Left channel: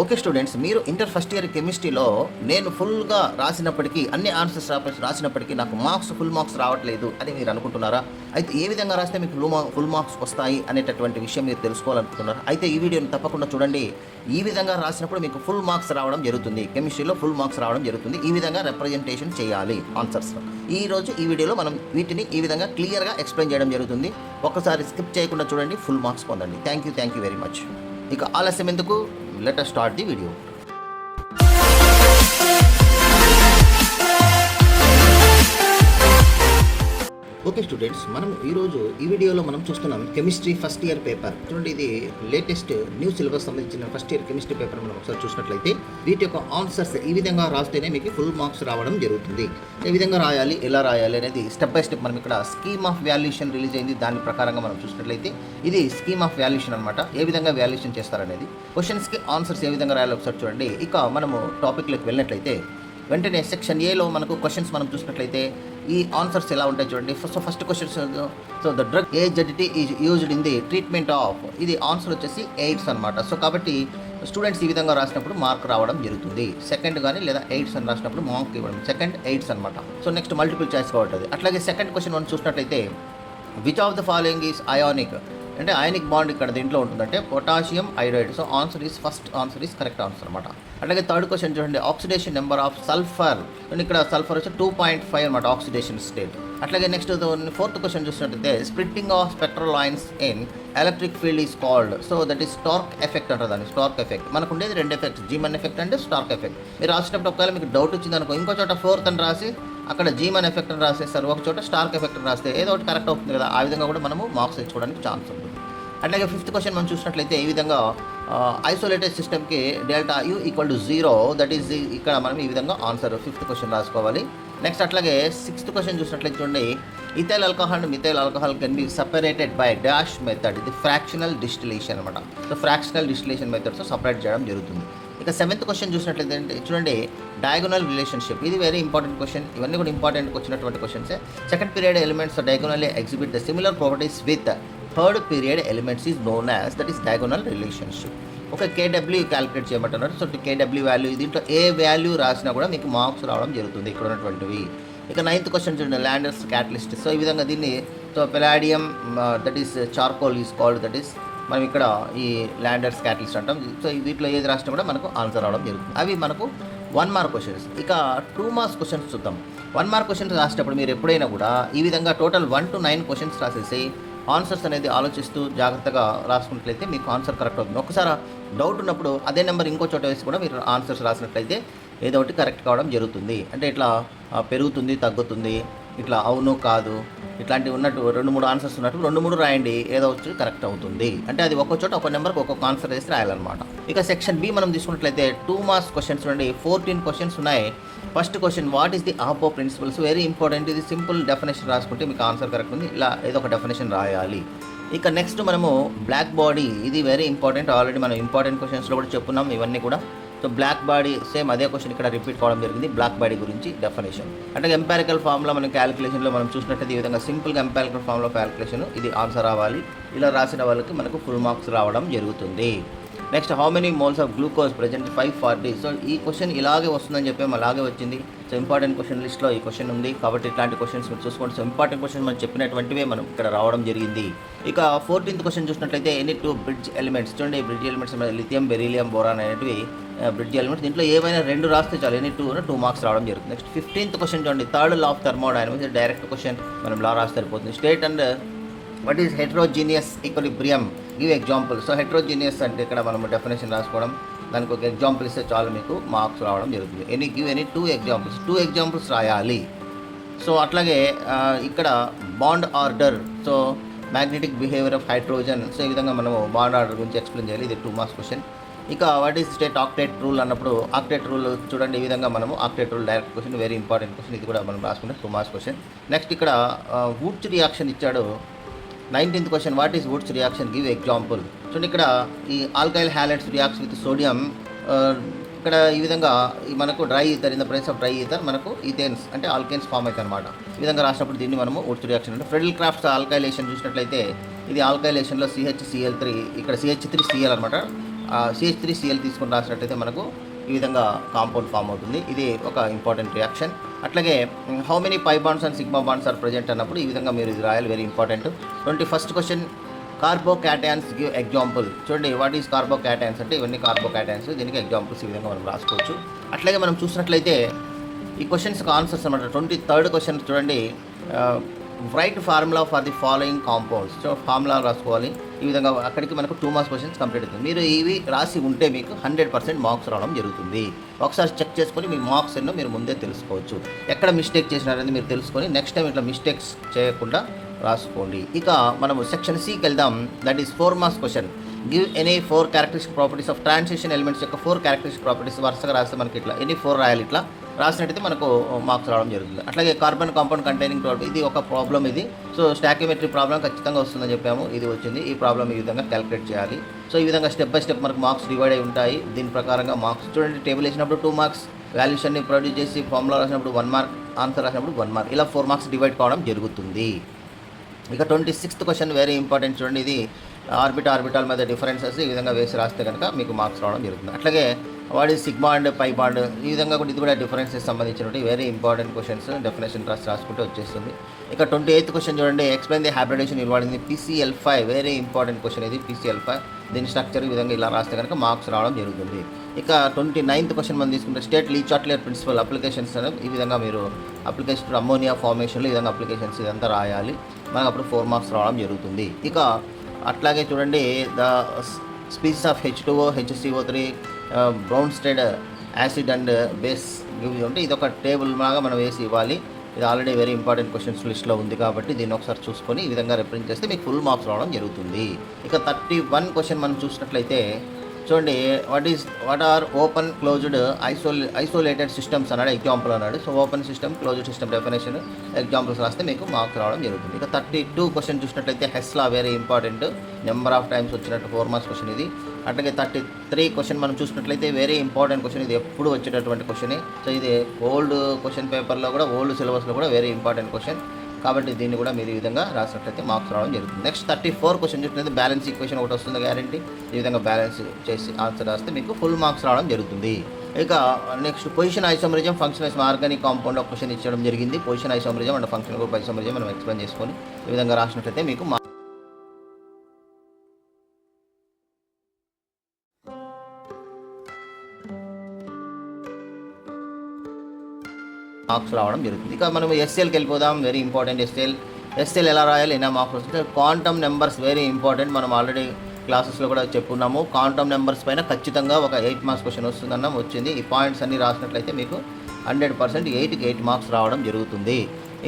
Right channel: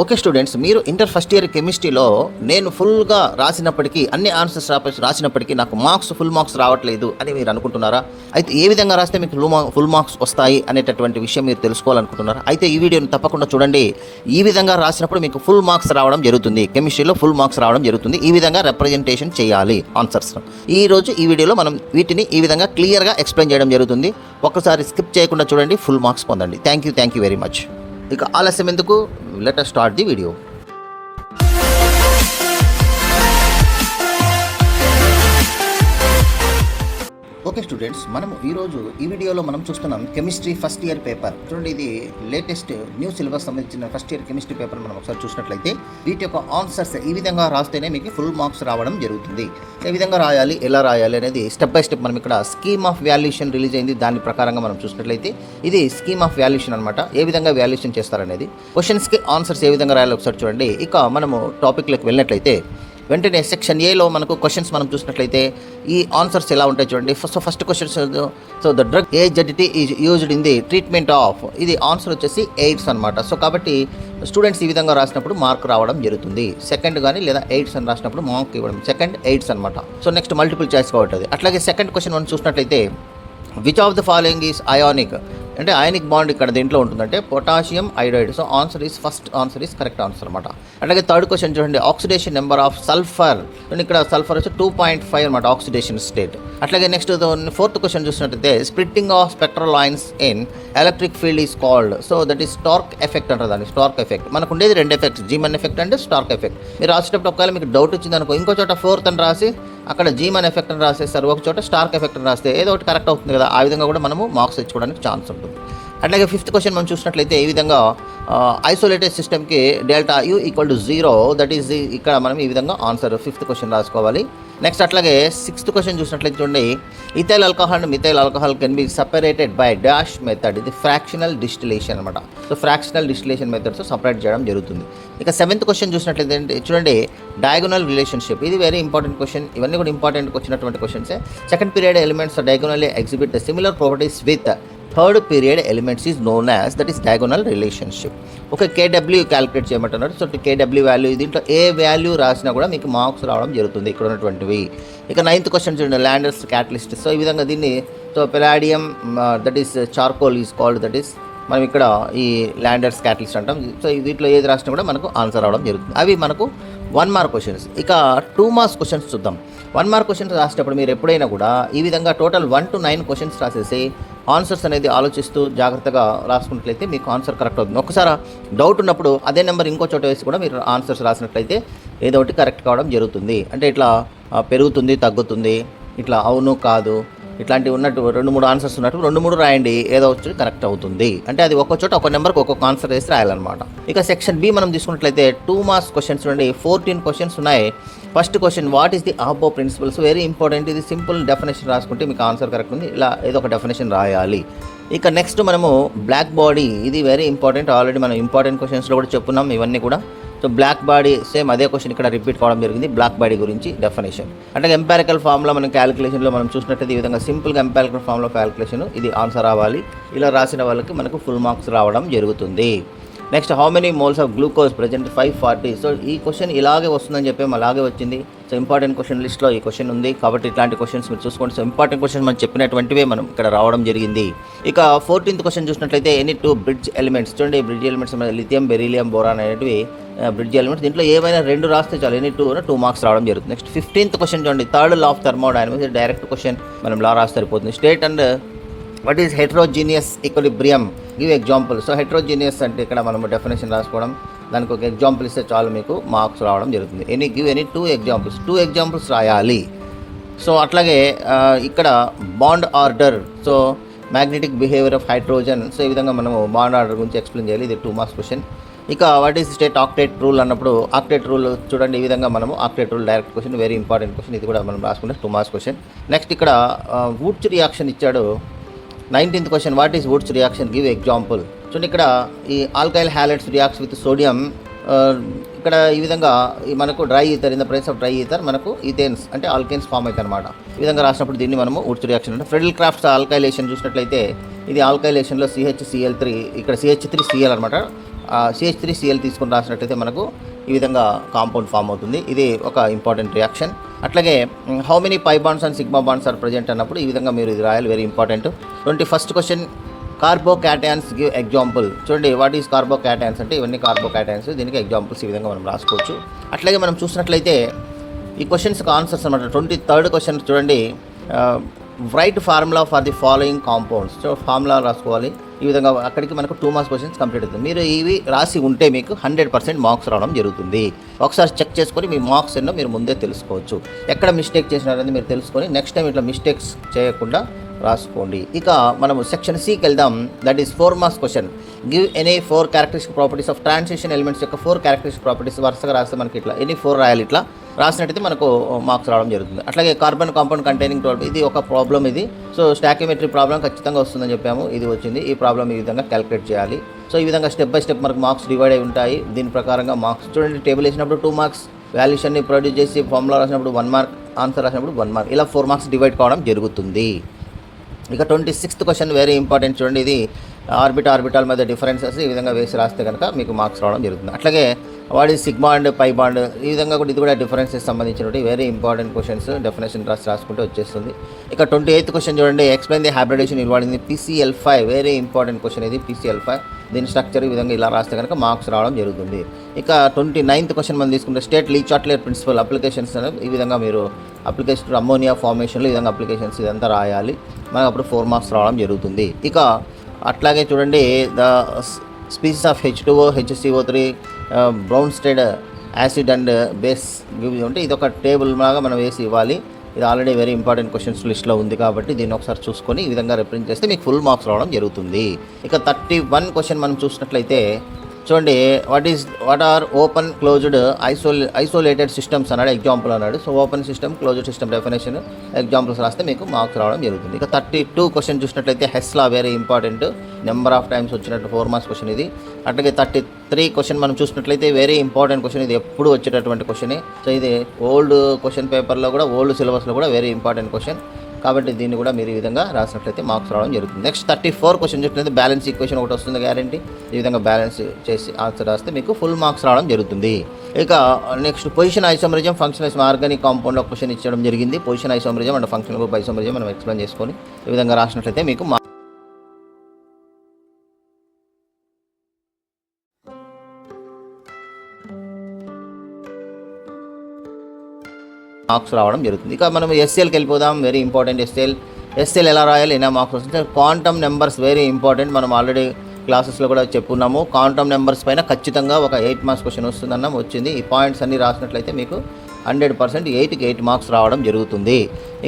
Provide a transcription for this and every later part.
Okay students, మీరు inter first year కెమిస్ట్రీలో నేను ఫుల్గా రాసినప్పటికీ అన్ని ఆన్సర్స్ రాసినప్పటికీ నాకు ఫుల్ మార్క్స్ రావట్లేదు అని మీరు అనుకుంటున్నారా? అయితే ఏ విధంగా రాస్తే మీకు ఫుల్ మార్క్స్ వస్తాయి అనేటటువంటి విషయం మీరు తెలుసుకోవాలనుకుంటున్నారా? అయితే ఈ వీడియోని తప్పకుండా చూడండి. ఈ విధంగా రాసినప్పుడు మీకు ఫుల్ మార్క్స్ రావడం జరుగుతుంది. కెమిస్ట్రీలో ఫుల్ మార్క్స్ రావడం జరుగుతుంది. ఈ విధంగా రిప్రజెంటేషన్ చేయాలి ఆన్సర్స్. ఈ వీడియోలో మనం వీటిని ఈ విధంగా క్లియర్గా ఎక్స్ప్లెయిన్ చేయడం జరుగుతుంది. ఒక్కసారి స్కిప్ చేయకుండా చూడండి, ఫుల్ మార్క్స్ పొందండి. Thank you very much. ఇక ఆలస్యం ఎందుకు, let us start the video. Okay students, మనం ఈరోజు ఈ వీడియోలో మనం చూస్తున్నాం కెమిస్ట్రీ ఫస్ట్ ఇయర్ పేపర్. చూడండి, ఇది లేటెస్ట్ న్యూ సిలబస్ సంబంధించిన ఫస్ట్ ఇయర్ కెమిస్ట్రీ పేపర్. మనం ఒకసారి చూసినట్లయితే వీటి యొక్క ఆన్సర్స్ ఈ విధంగా రాస్తేనే మీకు ఫుల్ మార్క్స్ రావడం జరుగుతుంది. ఏ విధంగా రాయాలి, ఎలా రాయాలి అనేది స్టెప్ బై స్టెప్ మనం ఇక్కడ స్కీమ్ ఆఫ్ వాల్యుయేషన్ రిలీజ్ అయింది. దాని ప్రకారంగా మనం చూసినట్లయితే ఇది స్కీమ్ ఆఫ్ వాల్యుయేషన్ అనమాట. ఏ విధంగా వాల్యుయేషన్ చేస్తారనేది, క్వశ్చన్స్కి ఆన్సర్స్ ఏ విధంగా రాయాలి ఒకసారి చూడండి. ఇక మనము టాపిక్లోకి వెళ్ళినట్లయితే వెంటనే సెక్షన్ ఏలో మనకు క్వశ్చన్స్ మనం చూసినట్లయితే ఈ ఆన్సర్స్ ఎలా ఉంటాయి చూడండి. First questions, so the drug AZT is used in the treatment of, ఇది ఆన్సర్ వచ్చేసి ఎయిడ్స్ అనమాట. సో కాబట్టి స్టూడెంట్స్ ఈ విధంగా రాసినప్పుడు మార్క్ రావడం జరుగుతుంది. సెకండ్ కానీ లేదా ఎయిడ్స్ అని రాసినప్పుడు మార్క్ ఇవ్వడం, సెకండ్ ఎయిడ్స్ అనమాట. సో నెక్స్ట్ మల్టిపుల్ చాయిస్ కాబట్టి. అట్లాగే సెకండ్ క్వశ్చన్ మనం చూసినట్లయితే which of the following is ionic, అంటే అయానిక్ బాండ్ ఇక్కడ దేంట్లో ఉంటుందంటే potassium iodide. So first answer is correct answer అనమాట. అట్లాగే థర్డ్ క్వశ్చన్ చూడండి, ఆక్సిడేషన్ నెంబర్ ఆఫ్ సల్ఫర్, ఇక్కడ సల్ఫర్ వచ్చి 2.5 అనమాట ఆక్సిడేషన్ స్టేట్. అట్లాగే నెక్స్ట్ ఫోర్త్ క్వశ్చన్ చూసినట్లయితే splitting of spectral lines in electric field is called, so that is Stark effect అంటారు దాన్ని. స్టార్క్ ఎఫెక్ట్ మనకు ఉండేది రెండు effects, Zeeman effect and Stark effect. మీరు రాసేటప్పుడు ఒకవేళ మీకు డౌట్ వచ్చింది అనుకో, ఇంకో చోట ఫోర్త్ అని రాసి అక్కడ జీమన్ ఎఫెక్ట్ అని రాసేస్తారు, ఒక చోట స్టార్క్ ఎఫెక్ట్ అని రాస్తే ఏదో ఒకటి కరెక్ట్ అవుతుంది కదా. ఆ విధంగా కూడా మనము మార్క్స్ తెచ్చుకోవడానికి ఛాన్స్ ఉంటుంది. అట్లాగే ఫిఫ్త్ క్వశ్చన్ మనం చూసినట్లయితే ఈ విధంగా ఐసోలేటెడ్ సిస్టమ్కి డెల్టా U = 0, దట్ ఈజ్ ఇక్కడ మనం ఈ విధంగా ఆన్సర్ ఫిఫ్త్ క్వశ్చన్ రాసుకోవాలి. నెక్స్ట్ అట్లాగే సిక్స్త్ క్వశ్చన్ చూసినట్లయితే చూడండి, ethyl alcohol and methyl alcohol can be separated by dash method, ఇది ఫ్రాక్షనల్ డిస్టిలేషన్ అనమాట. సో ఫ్రాక్షనల్ డిస్టిలేషన్ మెథడ్తో సపరేట్ చేయడం జరుగుతుంది. ఇక సెవెంత్ క్వశ్చన్ చూసినట్లయితే చూడండి, డయాగోనల్ రిలేషన్షిప్, ఇది వెరీ ఇంపార్టెంట్ క్వశ్చన్. ఇవన్నీ కూడా ఇంపార్టెంట్ వచ్చినటువంటి క్వశ్చన్సే. Second period elements diagonally exhibit the similar properties with third period elements is known as, that is diagonal relationship. ఒక KW క్యాలిక్యులేట్ చేయమంటున్నారు. సో KW వాల్యూ, దీంట్లో ఏ వాల్యూ రాసినా కూడా మీకు మార్క్స్ రావడం జరుగుతుంది ఇక్కడ ఉన్నటువంటివి. ఇక నైన్త్ క్వశ్చన్ చూడండి, ల్యాండర్స్ క్యాటలిస్ట్. సో ఈ విధంగా దీన్ని, so palladium that is charcoal is called, that is మనం ఇక్కడ ఈ ల్యాండర్స్ క్యాటలిస్ట్ అంటాం. సో వీటిలో ఏది రాసినా కూడా మనకు ఆన్సర్ రావడం జరుగుతుంది. అవి మనకు 1 మార్క్ క్వశ్చన్స్. ఇక 2 మార్క్స్ క్వశ్చన్స్ చూద్దాం. 1 మార్క్ క్వశ్చన్స్ రాసేటప్పుడు మీరు ఎప్పుడైనా కూడా ఈ విధంగా టోటల్ 1 to 9 క్వశ్చన్స్ రాసేసి ఆన్సర్స్ అనేది ఆలోచిస్తూ జాగ్రత్తగా రాసుకున్నట్లయితే మీకు ఆన్సర్ కరెక్ట్ అవుతుంది. ఒకసారి డౌట్ ఉన్నప్పుడు అదే నెంబర్ ఇంకో చోట వేసి కూడా మీరు ఆన్సర్స్ రాసినట్లయితే ఏదో ఒకటి కరెక్ట్ కావడం జరుగుతుంది. అంటే ఇట్లా పెరుగుతుంది, తగ్గుతుంది, ఇట్లా అవును కాదు, ఇట్లాంటివి ఉన్నట్టు 2-3 ఆన్సర్స్ ఉన్నట్టు 2-3 రాయండి, ఏదో వచ్చి కరెక్ట్ అవుతుంది. అంటే అది ఒక్కో చోట ఒక నెంబర్కి ఒక్కొక్క ఆన్సర్ వేసి రాయాలన్నమాట. ఇక సెక్షన్ B మనం తీసుకున్నట్లయితే 2 మార్క్స్ క్వశ్చన్స్ నుండి 14 క్వశ్చన్స్ ఉన్నాయి. First question, what is the Aufbau principles, very important. ఇది సింపుల్ డెఫినేషన్ రాసుకుంటే మీకు ఆన్సర్ కరెక్ట్ ఉంది. ఇలా ఏదో ఒక డెఫినేషన్ రాయాలి. ఇక నెక్స్ట్ మనము బ్లాక్ బాడీ, ఇది వెరీ ఇంపార్టెంట్. ఆల్రెడీ మనం ఇంపార్టెంట్ క్వశ్చన్స్లో కూడా చెప్పున్నాం ఇవన్నీ కూడా. సో బ్లాక్ బాడీ సేమ్ అదే క్వశ్చన్ ఇక్కడ రిపీట్ కావడం జరిగింది. బ్లాక్ బాడీ గురించి డెఫినేషన్ అంటే ఎంపారికల్ ఫామ్లో మనం క్యాలిక్యులేషన్లో మనం చూసినట్టయితే ఈ విధంగా సింపుల్గా ఎంపారికల్ ఫామ్లో క్యాలిక్యులేషన్, ఇది ఆన్సర్ రావాలి. ఇలా రాసిన వాళ్ళకి మనకు ఫుల్ మార్క్స్ రావడం జరుగుతుంది. Next, how many moles of glucose present 540. So ఈ క్వశ్చన్ ఇలాగే వస్తుందని చెప్పి అలాగే వచ్చింది. సో ఇంపార్టెంట్ క్వశ్చన్ లిస్ట్లో ఈ క్వశ్చన్ ఉంది కాబట్టి ఇట్లాంటి క్వశ్చన్స్ మీరు చూసుకోండి. సో ఇంపార్టెంట్ క్వశ్చన్ మనం చెప్పినటువంటివే మనం ఇక్కడ రావడం జరిగింది. ఇక 14th క్వశ్చన్ చూసినట్లయితే ఎనీ 2 బ్రిడ్జ్ ఎలిమెంట్స్, చూడండి bridge elements lithium, beryllium, boron అనేటివి బ్రిడ్జ్ ఎలిమెంట్స్. దీంట్లో ఏమైనా 2 రాస్తే చాలు, ఎనీ 2 మార్క్స్ రావడం జరుగుతుంది. నెక్స్ట్ 15th క్వశ్చన్ చూడండి, third law of thermodynamics, direct question, మనం లా రాస్తే సరిపోతుంది. State and what is heterogeneous equilibrium, give example. So heterogeneous అంటే ఇక్కడ మనం డెఫినేషన్ రాసుకోవడం, దానికి ఒక ఎగ్జాంపుల్ ఇస్తే చాలు మీకు మార్క్స్ రావడం జరుగుతుంది. గివ్ ఎనీ 2 ఎగ్జాంపుల్స్ రాయాలి. సో అట్లాగే ఇక్కడ bond order, so magnetic behaviour of hydrogen. So ఈ విధంగా మనము బాండ్ ఆర్డర్ గురించి ఎక్స్ప్లెయిన్ చేయాలి. ఇది 2 మార్క్స్ క్వశ్చన్. ఇక what is state octet rule అన్నప్పుడు, ఆక్టేట్ రూల్ చూడండి ఈ విధంగా మనము octet rule direct question, very important question. ఇది కూడా మనం రాసుకుంటే 2 మార్క్స్ క్వశ్చన్. నెక్స్ట్ ఇక్కడ వూడ్స్ రియాక్షన్ ఇచ్చాడు. 19th question, what is woods reaction, give example. చూడండి ఇక్కడ ఈ alkyl halides reacts with sodium, ఇక్కడ ఈ విధంగా మనకు dry ether, in the price of dry ether మనకు ఈథేన్స్ అంటే ఆల్కేన్స్ ఫామ్ అవుతాయి అనమాట. ఈ విధంగా రాసినప్పుడు దీన్ని మనము వూడ్స్ రియాక్షన్ అంటే. ఫ్రెడల్ క్రాఫ్ట్స్ ఆల్కైలేషన్ చూసినట్లయితే ఇది ఆల్కైలేషన్లో CHCl3, ఇక్కడ CH3Cl అనమాట. CH3Cl తీసుకొని రాసినట్లయితే మనకు ఈ విధంగా కాంపౌండ్ ఫామ్ అవుతుంది. ఇది ఒక ఇంపార్టెంట్ రియాక్షన్. అట్లాగే how many pi bonds and sigma bonds are present అన్నప్పుడు ఈ విధంగా మీరు ఇది రాయాలి, very important. 21st question, carbocations give example. చూడండి, వాట్ ఈస్ కార్బోకాటయాన్స్ అంటే ఇవన్నీ కార్బోకాటయాన్స్, దీనికి ఎగ్జాంపుల్స్ ఈ విధంగా మనం రాసుకోవచ్చు. అట్లాగే మనం చూసినట్లయితే ఈ క్వశ్చన్స్కి ఆన్సర్స్ అనమాట. 23rd క్వశ్చన్ చూడండి, right formula for the following compounds. So formula రాసుకోవాలి. ఈ విధంగా అక్కడికి మనకు 2 మార్క్స్ క్వశ్చన్స్ కంప్లీట్ అవుతుంది. మీరు ఇవి రాసి ఉంటే మీకు 100% మార్క్స్ రావడం జరుగుతుంది. ఒకసారి చెక్ చేసుకొని మీ మార్క్స్ ఎన్నో మీరు ముందే తెలుసుకోవచ్చు. ఎక్కడ మిస్టేక్ చేసినారని మీరు తెలుసుకొని నెక్స్ట్ టైం ఇట్లా మిస్టేక్స్ చేయకుండా రాసుకోండి. ఇక మనము సెక్షన్ సికి వెళ్దాం. That is 4 marks question. Give any 4 characteristic properties of transition elements యొక్క 4 క్యారెక్టరిస్టిక్ ప్రాపర్టీస్ వరుసగా రాస్తే మనకి ఇట్లా ఎనీ 4 రాయాలి. ఇట్లా రాసినట్టయితే మనకు మార్క్స్ రావడం జరుగుతుంది. అట్లాగే కార్బన్ కాంపౌండ్ కంటైనింగ్ 12, ఇది ఒక ప్రాబ్లం. ఇది సో స్టాకియోమెట్రీ ప్రాబ్లం ఖచ్చితంగా వస్తుందని చెప్పాము, ఇది వచ్చింది. ఈ ప్రాబ్లం ఈ విధంగా క్యాలిక్యులేట్ చేయాలి. సో ఈ విధంగా స్టెప్ బై స్టెప్ మనకు మార్క్స్ డివైడ్ అయి ఉంటాయి. దీని ప్రకారంగా మార్క్స్ చూడండి, టేబుల్ వేసినప్పుడు 2 మార్క్స్, వాల్యూషన్ని ప్రొడ్యూస్ చేసి ఫార్ములా రాసినప్పుడు 1 మార్క్, ఆన్సర్ రాసినప్పుడు 1 మార్క్, ఇలా 4 మార్క్స్ డివైడ్ కావడం జరుగుతుంది. ఇక 26th క్వశ్చన్ వెరీ ఇంపార్టెంట్. చూడండి, ఇది ఆర్బిటాల్ మధ్య డిఫరెన్సెస్ ఈ విధంగా వేసి రాస్తే కనుక మీకు మార్క్స్ రావడం జరుగుతుంది. అట్లాగే వాడి సిగ్మా అండ్ పై బాండ్ ఈ విధంగా కూడా ఇది కూడా డిఫరెన్సెస్ సంబంధించినటువంటి వెరీ ఇంపార్టెంట్ క్వశ్చన్స్. డెఫినేషన్ రాసుకుంటూ వచ్చేస్తుంది. ఇక 28th క్వశ్చన్ చూడండి, explain the hybridisation involved in PCl5. Very important question ఇది, PCl5. దీని స్ట్రక్చర్ ఈ విధంగా ఇలా రాస్తే కనుక మార్క్స్ రావడం జరుగుతుంది. ఇక 29th క్వశ్చన్ మనం తీసుకుంటే స్టేట్ లీ చాట్లర్ ప్రిన్సిపల్ అప్లికేషన్స్ అనేది ఈ విధంగా మీరు అప్లికేషన్ అమ్మోనియా ఫార్మేషన్లో ఈ విధంగా అప్లికేషన్స్ ఇదంతా రాయాలి. మనకు అప్పుడు 4 మార్క్స్ రావడం జరుగుతుంది. ఇక అట్లాగే చూడండి, the species of H2O, HCO3, Bronsted acid and base అంటే ఇది ఒక టేబుల్ లాగా మనం వేసి ఇవ్వాలి. ఇది ఆల్రెడీ వెరీ ఇంపార్టెంట్ క్వశ్చన్స్ లిస్ట్లో ఉంది కాబట్టి దీన్ని ఒకసారి చూసుకొని ఈ విధంగా రిప్రజెంట్ చేస్తే మీకు ఫుల్ మార్క్స్ రావడం జరుగుతుంది. ఇక 31 క్వశ్చన్ మనం చూసినట్లయితే చూడండి, what are open closed isolated systems అన్నాడు, ఎగ్జాంపుల్ అన్నాడు. So open system, closed system definition examples రాస్తే మీకు మార్క్స్ రావడం జరుగుతుంది. ఇక 32 క్వశ్చన్ చూసినట్లయితే Hess's law very important, number of times వచ్చినట్టు 4 మార్క్స్ క్వశ్చన్ ఇది. అట్లాగే 33 క్వశ్చన్ మనం చూసినట్లయితే వెరీ ఇంపార్టెంట్ క్వశ్చన్, ఇది ఎప్పుడు వచ్చేటటువంటి క్వశ్చన్. సో ఇది ఓల్డ్ క్వశ్చన్ పేపర్లో కూడా, ఓల్డ్ సిలబస్లో కూడా వెరీ ఇంపార్టెంట్ క్వశ్చన్ కాబట్టి దీన్ని కూడా మీరు ఈ విధంగా రాసినట్లయితే మార్క్స్ రావడం జరుగుతుంది. నెక్స్ట్ 34 క్వశ్చన్ చూసినట్లయితే బ్యాలెన్స్ ఈక్వేషన్ ఒకటి వస్తుంది గ్యారంటీ. ఈ విధంగా బ్యాలెన్స్ చేసి ఆన్సర్ రాస్తే మీకు ఫుల్ మార్క్స్ రావడం జరుగుతుంది. ఇక next position isomerism, function organic compound question ఇచ్చడం జరిగింది. Position isomerism and function group isomerism మనం ఎక్స్ప్లెయిన్ చేసుకొని ఈ విధంగా రాసినట్లయితే మీకు మార్క్స్ రావడం జరుగుతుంది. ఇక మనం SCLకి వెళ్ళిపోదాం. వెరీ ఇంపార్టెంట్ SCL ఎలా రాయాలి, ఎన్నో మార్క్స్ వస్తుంది. క్వాంటమ్ నెంబర్స్ వెరీ ఇంపార్టెంట్, మనం ఆల్రెడీ క్లాసెస్లో కూడా చెప్పున్నాము. క్వాంటమ్ నెంబర్స్ పైన ఖచ్చితంగా ఒక 8 మార్క్స్ క్వశ్చన్ వస్తుందన్నాం, వచ్చింది. ఈ పాయింట్స్ అన్ని రాసినట్లయితే మీకు 100% 8కి 8 మార్క్స్ రావడం జరుగుతుంది.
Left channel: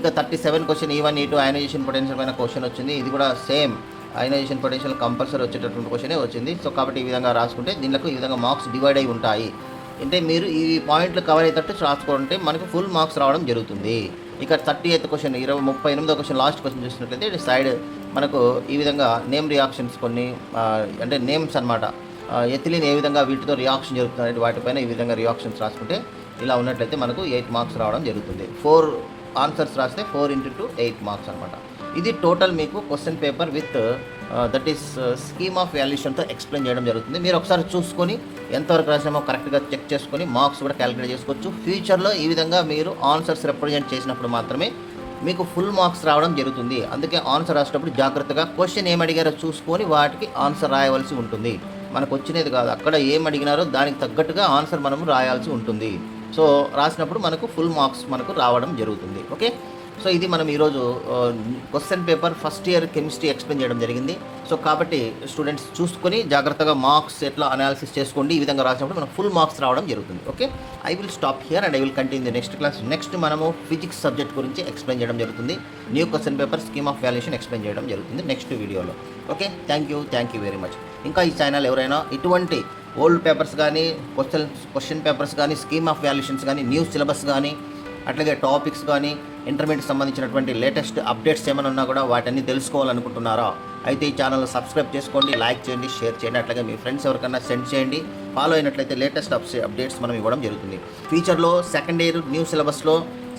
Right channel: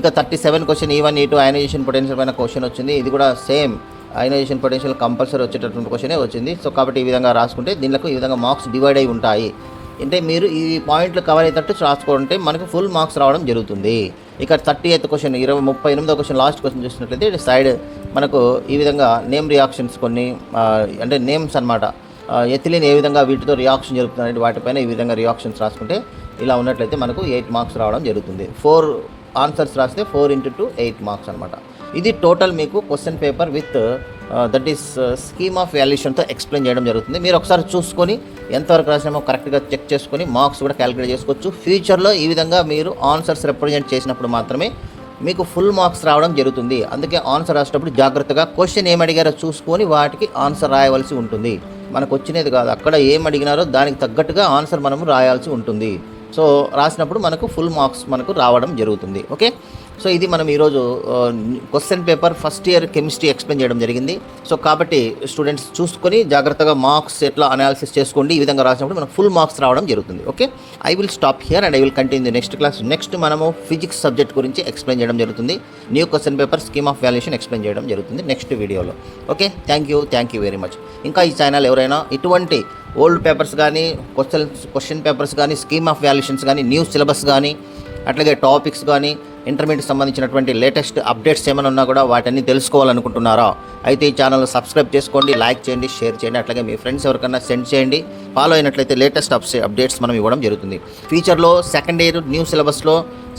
ఇక 37 question E1 E2 ionisation potential పైన క్వశ్చన్ వచ్చింది. ఇది కూడా సేమ్ అయనైజేషన్ పొటెన్షియల్ కంపల్సరీ వచ్చేటటువంటి క్వశ్చనే వచ్చింది. సో కాబట్టి ఈ విధంగా రాసుకుంటే దీనికి ఈ విధంగా మార్క్స్ డివైడ్ అయి ఉంటాయి. అంటే మీరు ఈ పాయింట్లు కవర్ అయ్యేటట్టు రాసుకుంటే మనకు ఫుల్ మార్క్స్ రావడం జరుగుతుంది. ఇక 38th క్వశ్చన్ 38వ క్వశ్చన్ లాస్ట్ క్వశ్చన్ చూసినట్లయితే ఇటు సైడ్ మనకు ఈ విధంగా నేమ్ రియాక్షన్స్ కొన్ని అంటే నేమ్స్ అనమాట. ఎథిలిన్ ఏ విధంగా వీటితో రియాక్షన్ జరుగుతుంది వాటిపైన ఈ విధంగా రియాక్షన్స్ రాసుకుంటే ఇలా ఉన్నట్లయితే మనకు 8 మార్క్స్ రావడం జరుగుతుంది. 4 ఆన్సర్స్ రాస్తే 4 × 2 8 మార్క్స్ అనమాట. ఇది టోటల్ మీకు question paper with that is scheme of వాల్యుయేషన్తో ఎక్స్ప్లెయిన్ చేయడం జరుగుతుంది. మీరు ఒకసారి చూసుకొని ఎంతవరకు రాసినామో కరెక్ట్గా చెక్ చేసుకొని మార్క్స్ కూడా క్యాలిక్యులేట్ చేసుకోవచ్చు. ఫ్యూచర్లో ఈ విధంగా మీరు ఆన్సర్స్ రిప్రజెంట్ చేసినప్పుడు మాత్రమే మీకు ఫుల్ మార్క్స్ రావడం జరుగుతుంది. అందుకే ఆన్సర్ రాసేటప్పుడు జాగ్రత్తగా క్వశ్చన్ ఏం అడిగారో చూసుకొని వాటికి ఆన్సర్ రాయవలసి ఉంటుంది. మనకు వచ్చినది కాదు, అక్కడ ఏం అడిగినారో దానికి తగ్గట్టుగా ఆన్సర్ మనము రాయాల్సి ఉంటుంది. సో రాసినప్పుడు మనకు ఫుల్ మార్క్స్ మనకు రావడం జరుగుతుంది. ఓకే, సో ఇది మనం ఈరోజు question paper first year chemistry explain చేయడం జరిగింది. సో కాబట్టి స్టూడెంట్స్ చూసుకొని జాగ్రత్తగా మార్క్స్ ఎట్లా అనాలిసిస్ చేసుకోండి. ఈ విధంగా రాసినప్పుడు మనకు ఫుల్ మార్క్స్ రావడం జరుగుతుంది. Okay, I will stop here and I will continue the next class. Next మనము ఫిజిక్స్ సబ్జెక్ట్ గురించి ఎక్స్ప్లెయిన్ చేయడం జరుగుతుంది. New question paper scheme of valuation explain చేయడం జరుగుతుంది నెక్స్ట్ వీడియోలో. Okay, thank you very much. ఇంకా ఈ ఛానల్ ఎవరైనా ఇటువంటి ఓల్డ్ పేపర్స్ కానీ క్వశ్చన్ పేపర్స్ కానీ స్కీమ్ ఆఫ్ వాల్యుయేషన్స్ కానీ న్యూ సిలబస్ కానీ అట్లాగే టాపిక్స్ కానీ ఇంటర్మీడియట్ సంబంధించినటువంటి లేటెస్ట్ అప్డేట్స్ ఏమైనా ఉన్నా కూడా వాటన్ని తెలుసుకోవాలనుకుంటున్నారా? అయితే ఈ ఛానల్ సబ్స్క్రైబ్ చేసుకోండి, లైక్ చేయండి, షేర్ చేయండి. అట్లాగే మీ ఫ్రెండ్స్ ఎవరికైనా సెండ్ చేయండి. ఫాలో అయినట్లయితే లేటెస్ట్ అప్డేట్స్ మనం ఇవ్వడం జరుగుతుంది. ఫ్యూచర్లో సెకండ్ ఇయర్ న్యూ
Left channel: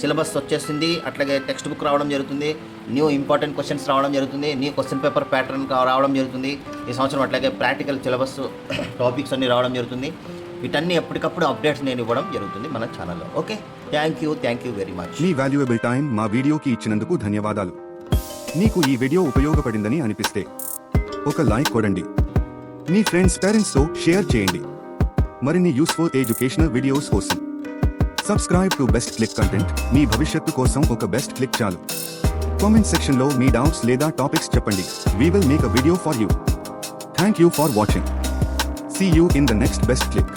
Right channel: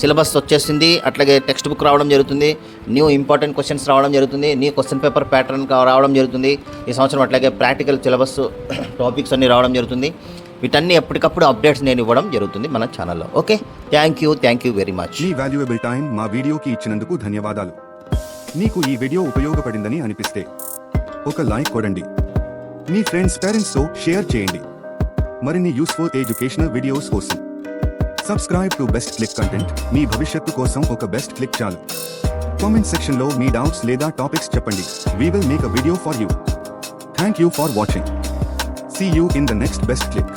సిలబస్ వచ్చేసింది. అట్లాగే టెక్స్ట్ బుక్ రావడం జరుగుతుంది, న్యూ ఇంపార్టెంట్ క్వశ్చన్స్ రావడం జరుగుతుంది, న్యూ క్వశ్చన్ పేపర్ ప్యాటర్న్ రావడం జరుగుతుంది ఈ సంవత్సరం. అట్లాగే ప్రాక్టికల్ సిలబస్ టాపిక్స్ అన్నీ రావడం జరుగుతుంది. వీటన్ని ఎప్పటికప్పుడు అప్డేట్స్ నేను ఇవ్వడం జరుగుతుంది మన ఛానల్లో. Okay, thank you very much. Me valuable time మా వీడియోకి ఇచ్చినందుకు ధన్యవాదాలు. మీకు ఈ వీడియో ఉపయోగపడిందని అనిపిస్తే ఒక లైక్ కొడండి, మీ ఫ్రెండ్స్ పేరెంట్స్తో షేర్ చేయండి. మరిన్ని యూస్ఫుల్ ఎడ్యుకేషనల్ వీడియోస్ కోసం subscribe to best click content. మీ భవిష్యత్తు కోసం ఒక బెస్ట్ క్లిక్ చాలు. కామెంట్ సెక్షన్లో మీ డౌట్స్ లేదా టాపిక్స్ చెప్పండి. We will make a video for you. Thank you for watching. See you in the next best click.